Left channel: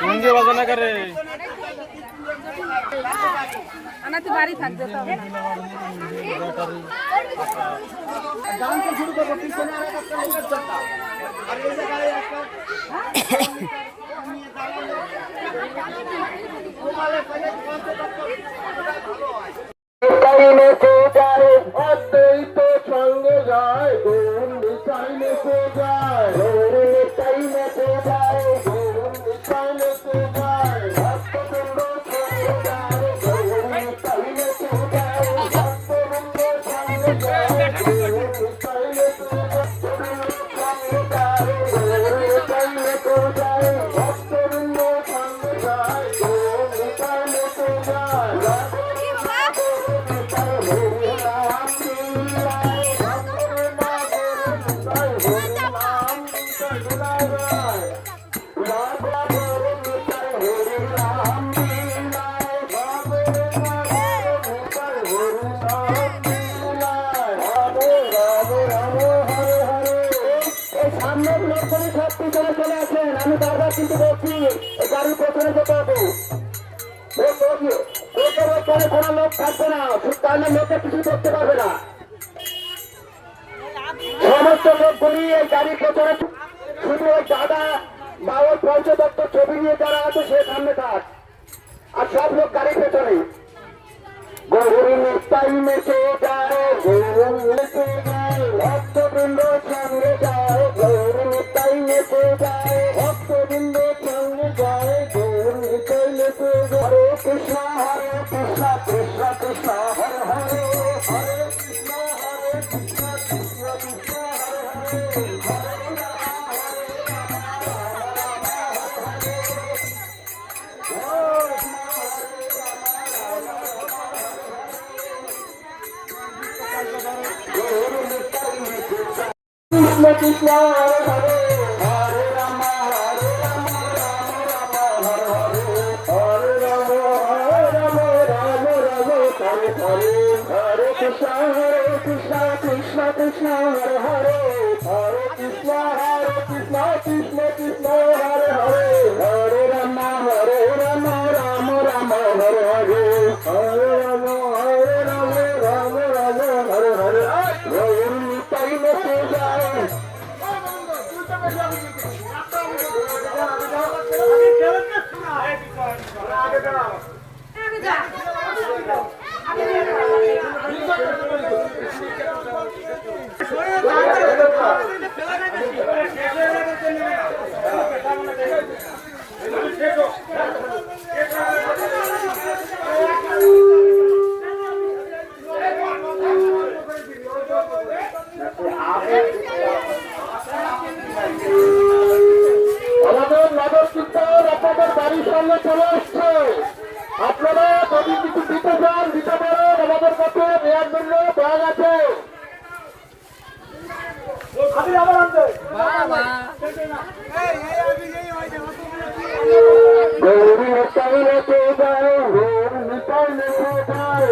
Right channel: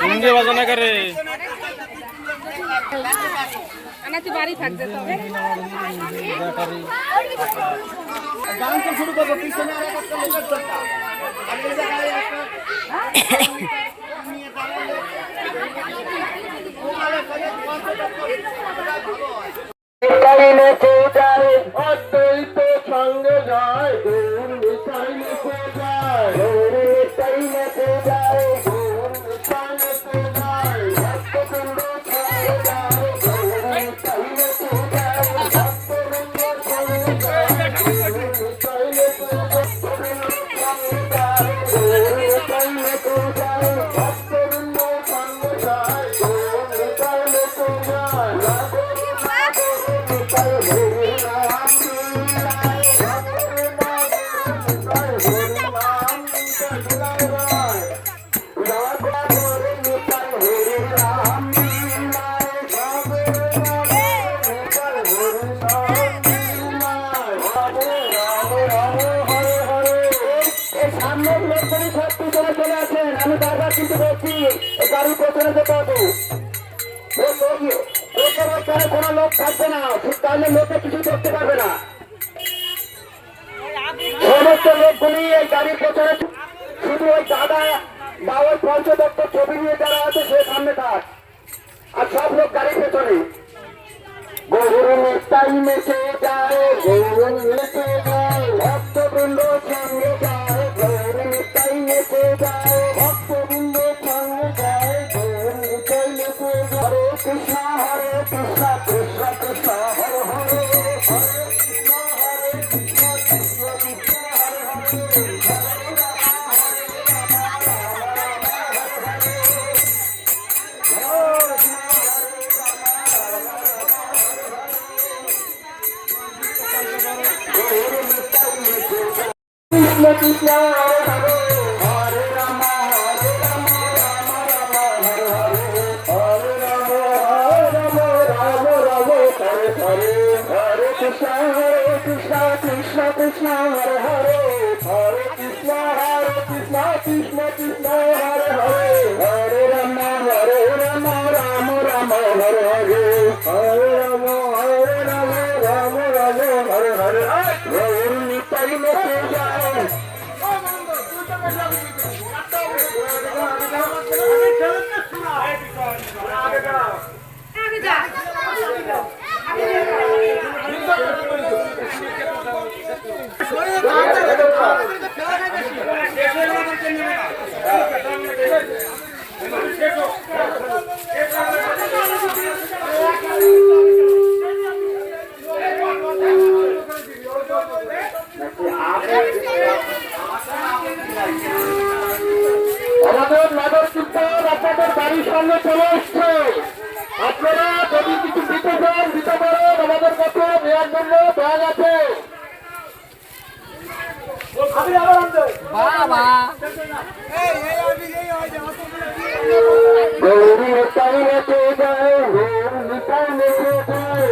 মুন্ডি বাজনা করে আনাতে বাড়ি থাকবে গান তো শুরু করবো পিছনে আর একটা লোকের দরকার আর এই জায়গায় একটা নিয়ে দাঁড়ালে ওখানে ফলে ভালো হয় কাইনে যায় অদ্বৈত সঙ্গে যায় গোবিন্দ কাইনে যায় গোবিন্দ কাইনে যায় গোবিন্দ কাইনে যায় ভক্তবৃন্দ সঙ্গে যায় গোবিন্দ কাইনে যায় ভক্তবৃন্দ সঙ্গে যায় গোবিন্দ কাইনে যায় গোবিন্দ কাইনে যায় ভক্তবৃন্দ সঙ্গে যায় গোবিন্দ কাইনে যায় আমি বারবার কিন্তু বলছি গাড়ির পেছনে যেতে হবে কোনো লোক থাকবে না তাহলে লোকে কিছু করতে পারবে না সমস্ত লোকগুলি এই গাড়ির পেছনে শুধু ওই দাদা বা ওই পঞ্চদত্ত ছবি নিয়ে যারা আছে সে সামনে থাক আর সব লোক গাড়ির পেছনে গরুর নিস্তাই মেচে যায় গরুর মেচে যায় ভক্তবৃন্দ সঙ্গে যায় গরুর নিস্তাই মেচে যায় ভক্তবৃন্দ সঙ্গে যায় গরুর নিস্তাই মেচে যায় হরে কৃষ্ণ কৃষ্ণ কৃষ্ণ হরে হরে হরে কৃষ্ণ কৃষ্ণ কৃষ্ণ হরে কৃষ্ণ কৃষ্ণ হরে হরে হরে রাম রাম রাম হরে হরে হরে রাম রাম রাম হরে হরে হরে কৃষ্ণ কৃষ্ণ কৃষ্ণ হরে হরে হরে কৃষ্ণ কৃষ্ণ কৃষ্ণ হরে হরে হরে রাম রাম রাম হরে হরে হরে রাম রাম হরে হরে গৌর নিতাই মেতে যায় আমাদের নগর কীর্তন আপনাদের বাড়ির সামনে চলে এসছে আপনারা যদি কিছু দিতে চান দিতে পারেন আমাদের কাছে নেওয়ার জন্য ব্যাগ আছে গৌরী নিতাই নেচে যায় গৌর নিতাই নেচে যায়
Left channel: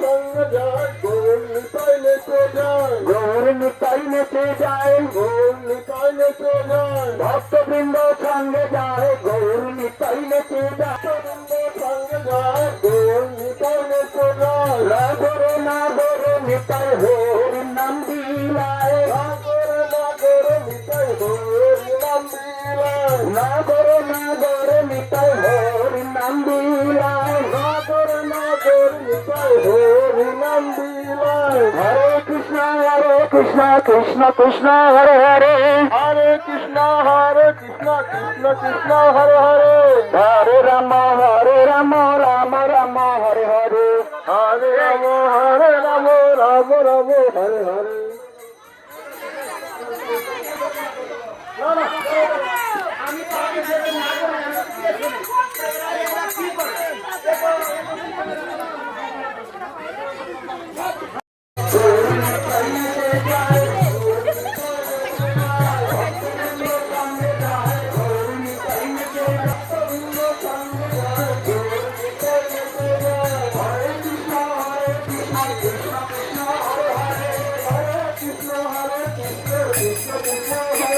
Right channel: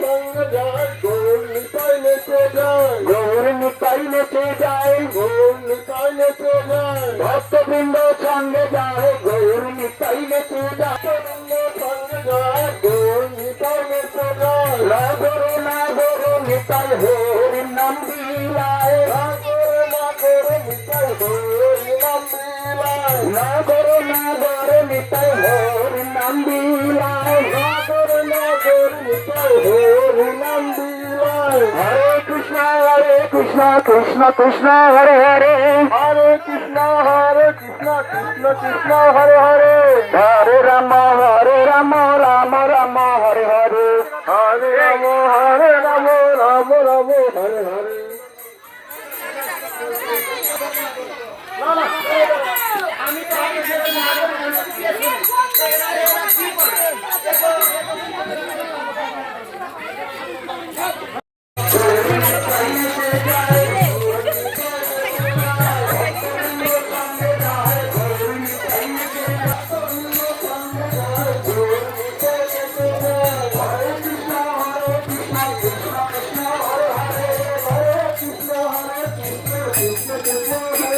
সঙ্গে যায় গৌর নিতাই নেচে যায় গৌর নিতাই নেচে যায় গৌর নিতাই নেচে যায় ভক্তবৃন্দ সঙ্গে যায় গৌর নিতাই নেচে যায় ভক্তবৃন্দ সঙ্গে যায় গৌর নিতাই নেচে যায় না গৌর নিতাই হরি নাম বিলায় নিতাই হরি নাম বিলায় না গৌর নিতাই হরি নাম বিলায় নিতাই হরি নাম বিলায় হরে কৃষ্ণ কৃষ্ণ কৃষ্ণ হরে হরে হরে কৃষ্ণ কৃষ্ণ কৃষ্ণ হরে হরে হরে রাম রাম রাম হরে হরে হরে রাম রাম হরে হরে আমি Krishna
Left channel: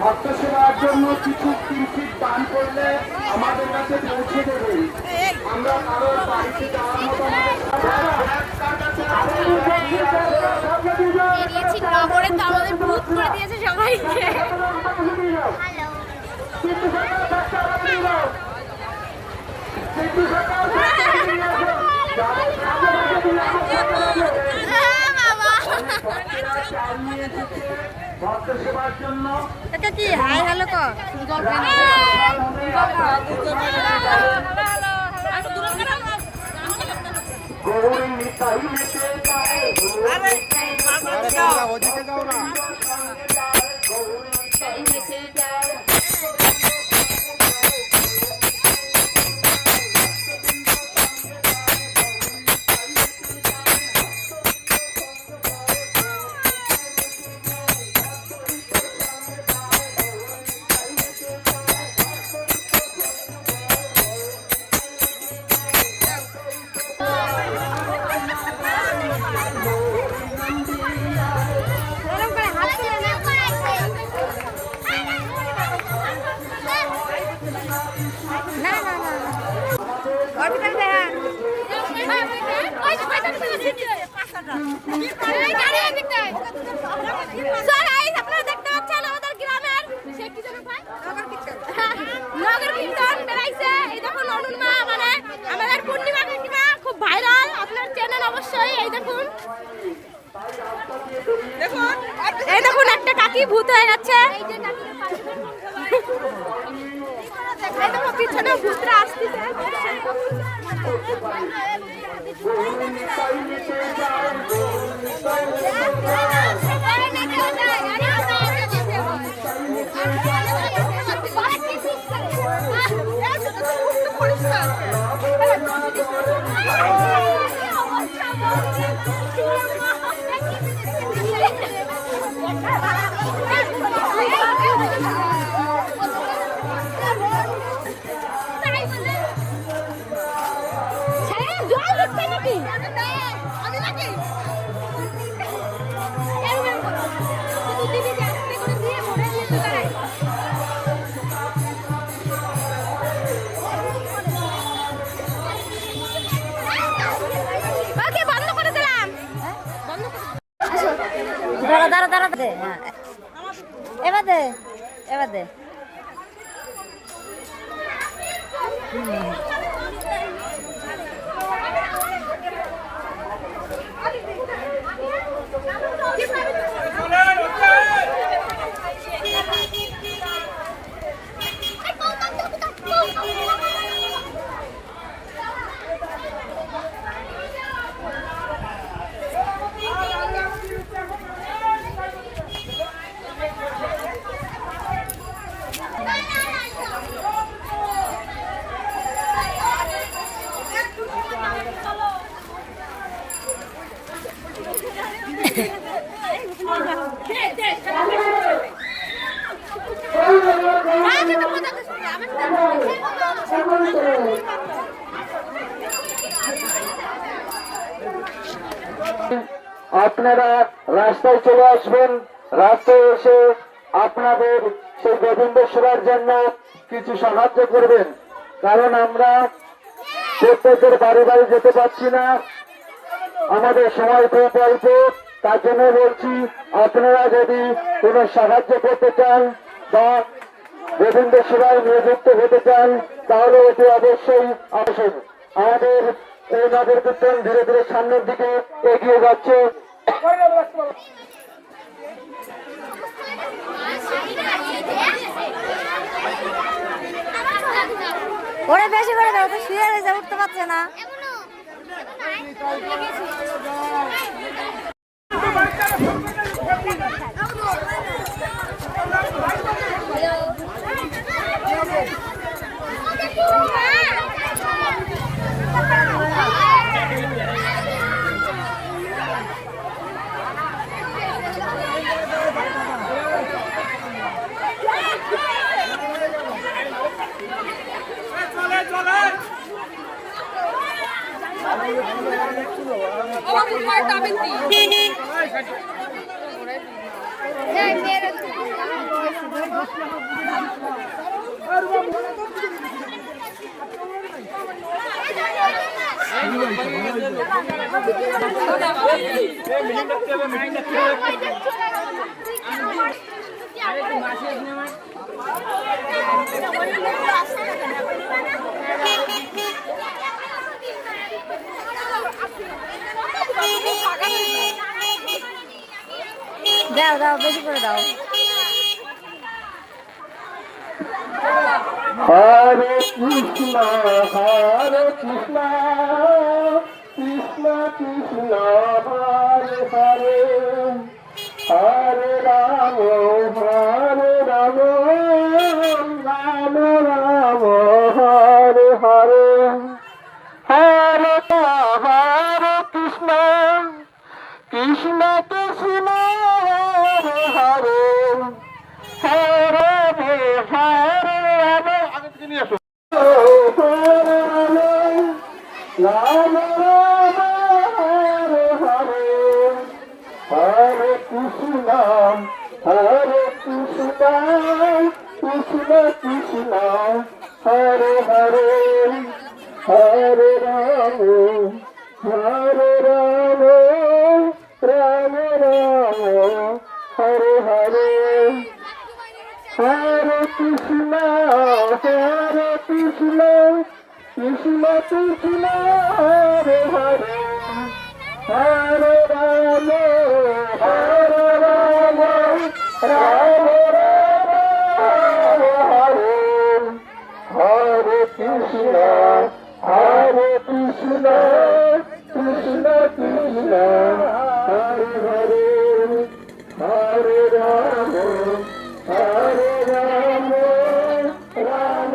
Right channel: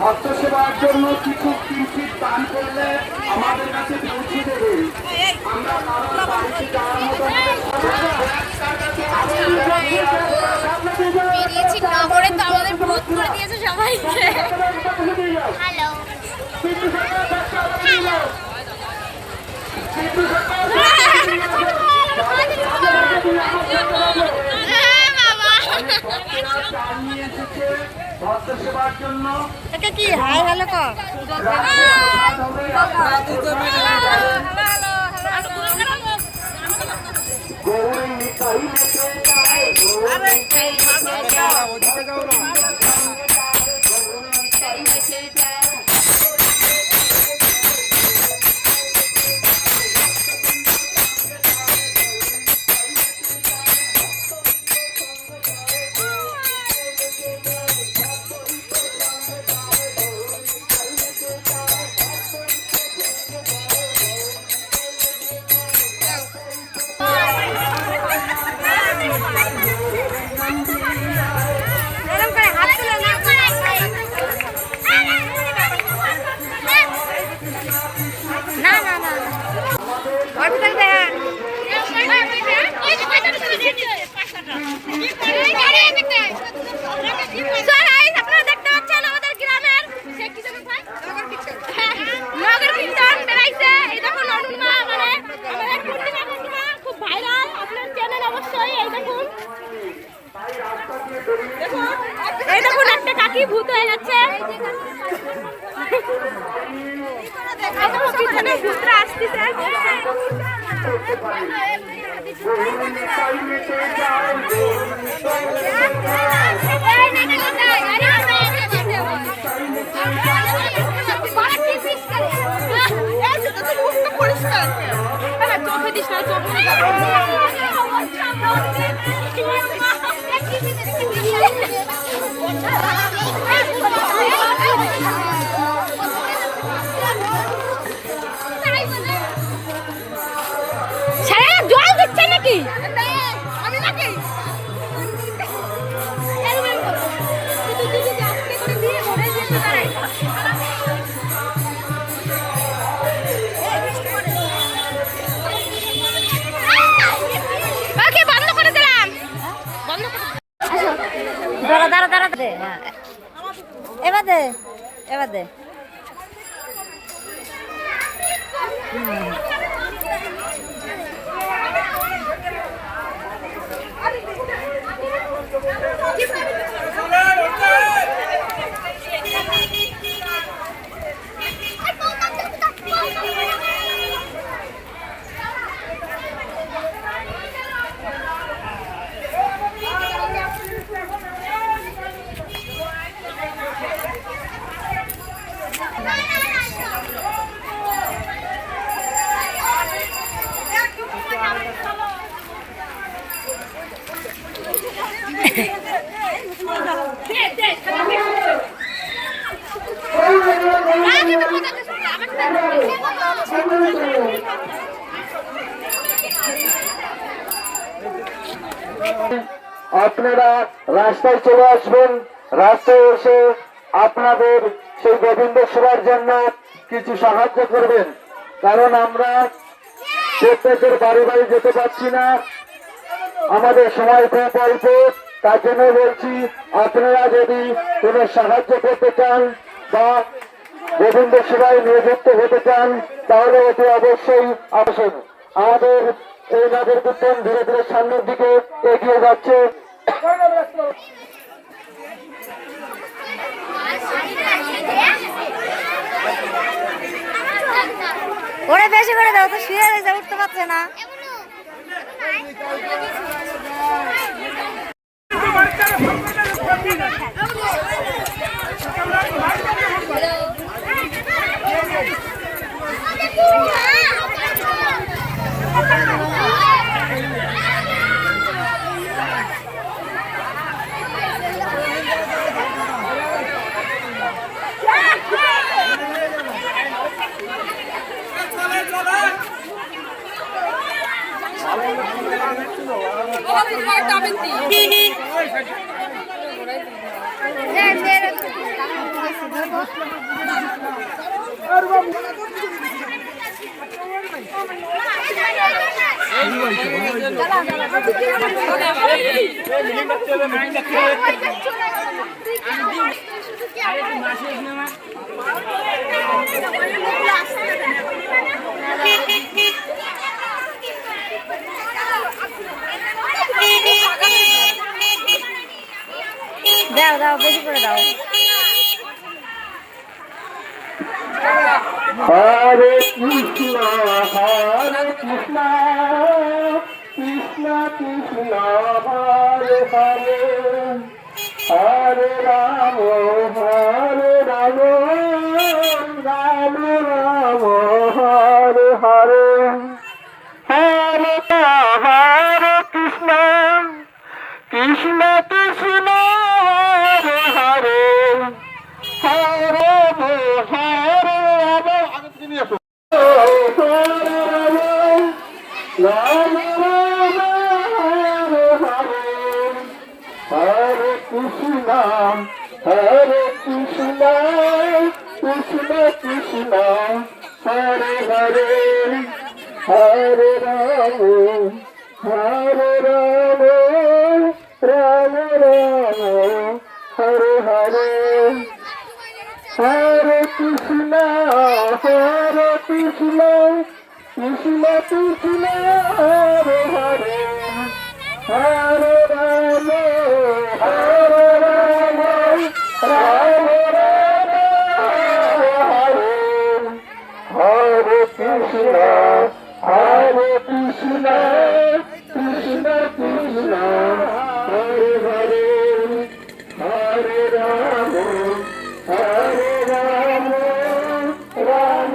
ভক্ত সেবার জন্য কিছু কিঞ্চিত দান করলে আমাদের কাছে পৌঁছে দেবে। আমরা কারোর বাড়িতে যাওয়ার মতো বেরিয়েছি নগরে তো আমাদের ভূত করে দিয়েছে সবাইকে। হ্যালো এটা কি হাই হ্যালো কর আপনারা দেখতে পাচ্ছেন আমাদের গ্রামের নগর কীর্তন বেড়াইছে। এই দেখুন অনুমা মানে আমাদের পূর্ণিমা কাকিমা খুব ভাইরাল, আপনারা চেনেন অবশ্যই। এই দেখুন এই দেখুন একটা কাকি ভূত হয়ে যাচ্ছে। এই দেখো পিছনে ভূতরা আসতেছে। জল দিচ্ছে নাকি? বন্ধ করে দিলাম। বন্ধ করে দাঁড়া দাঁড়া দাঁড়া দে। হ্যাঁ এবার দে, এবার দে। আপনারা রাস্তায় চলে আসবেন। রাস্তায় এসে আপনাদের সেই গোবিন্দ সেবার জন্য কিছু সাহায্য করবেন, কারণ আমরা প্রত্যেকের বাড়ি বাড়ি যেতে পারছি না, আমাদের সময় খুব অল্প। তার জন্য বলছি, আপনারা যদি কোনো সাহায্য করতে চান বা গোবিন্দ সেবায় নিয়োজিত হতে চান তাহলে এটি অবশ্যই আসুন। আমাদের এই নগর কীর্তন ধীরে ধীরে সামনের দিকে এগিয়ে যাচ্ছে। দিচ্ছে ওরে বেশি করে দাও তো শুয়ে রয়েছে উঠতে পারছে না দাও দাও বেশি করে দাও হরে কৃষ্ণ কৃষ্ণ কৃষ্ণ হরে হরে হরে রাম রাম রাম হরে হরে হরে হরে কৃষ্ণ কৃষ্ণ কৃষ্ণ হরে হরে হরে রাম হরে কৃষ্ণ কৃষ্ণ কৃষ্ণ হরে হরে হরে রাম রাম রাম হরে হরে হরে কৃষ্ণ কৃষ্ণ কৃষ্ণ হরে হরে হরে রাম রাম হরে হরে কৃষ্ণ কৃষ্ণ কৃষ্ণ হরে হরে হরে রাম রাম রাম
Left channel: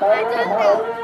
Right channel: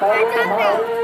হরে হরে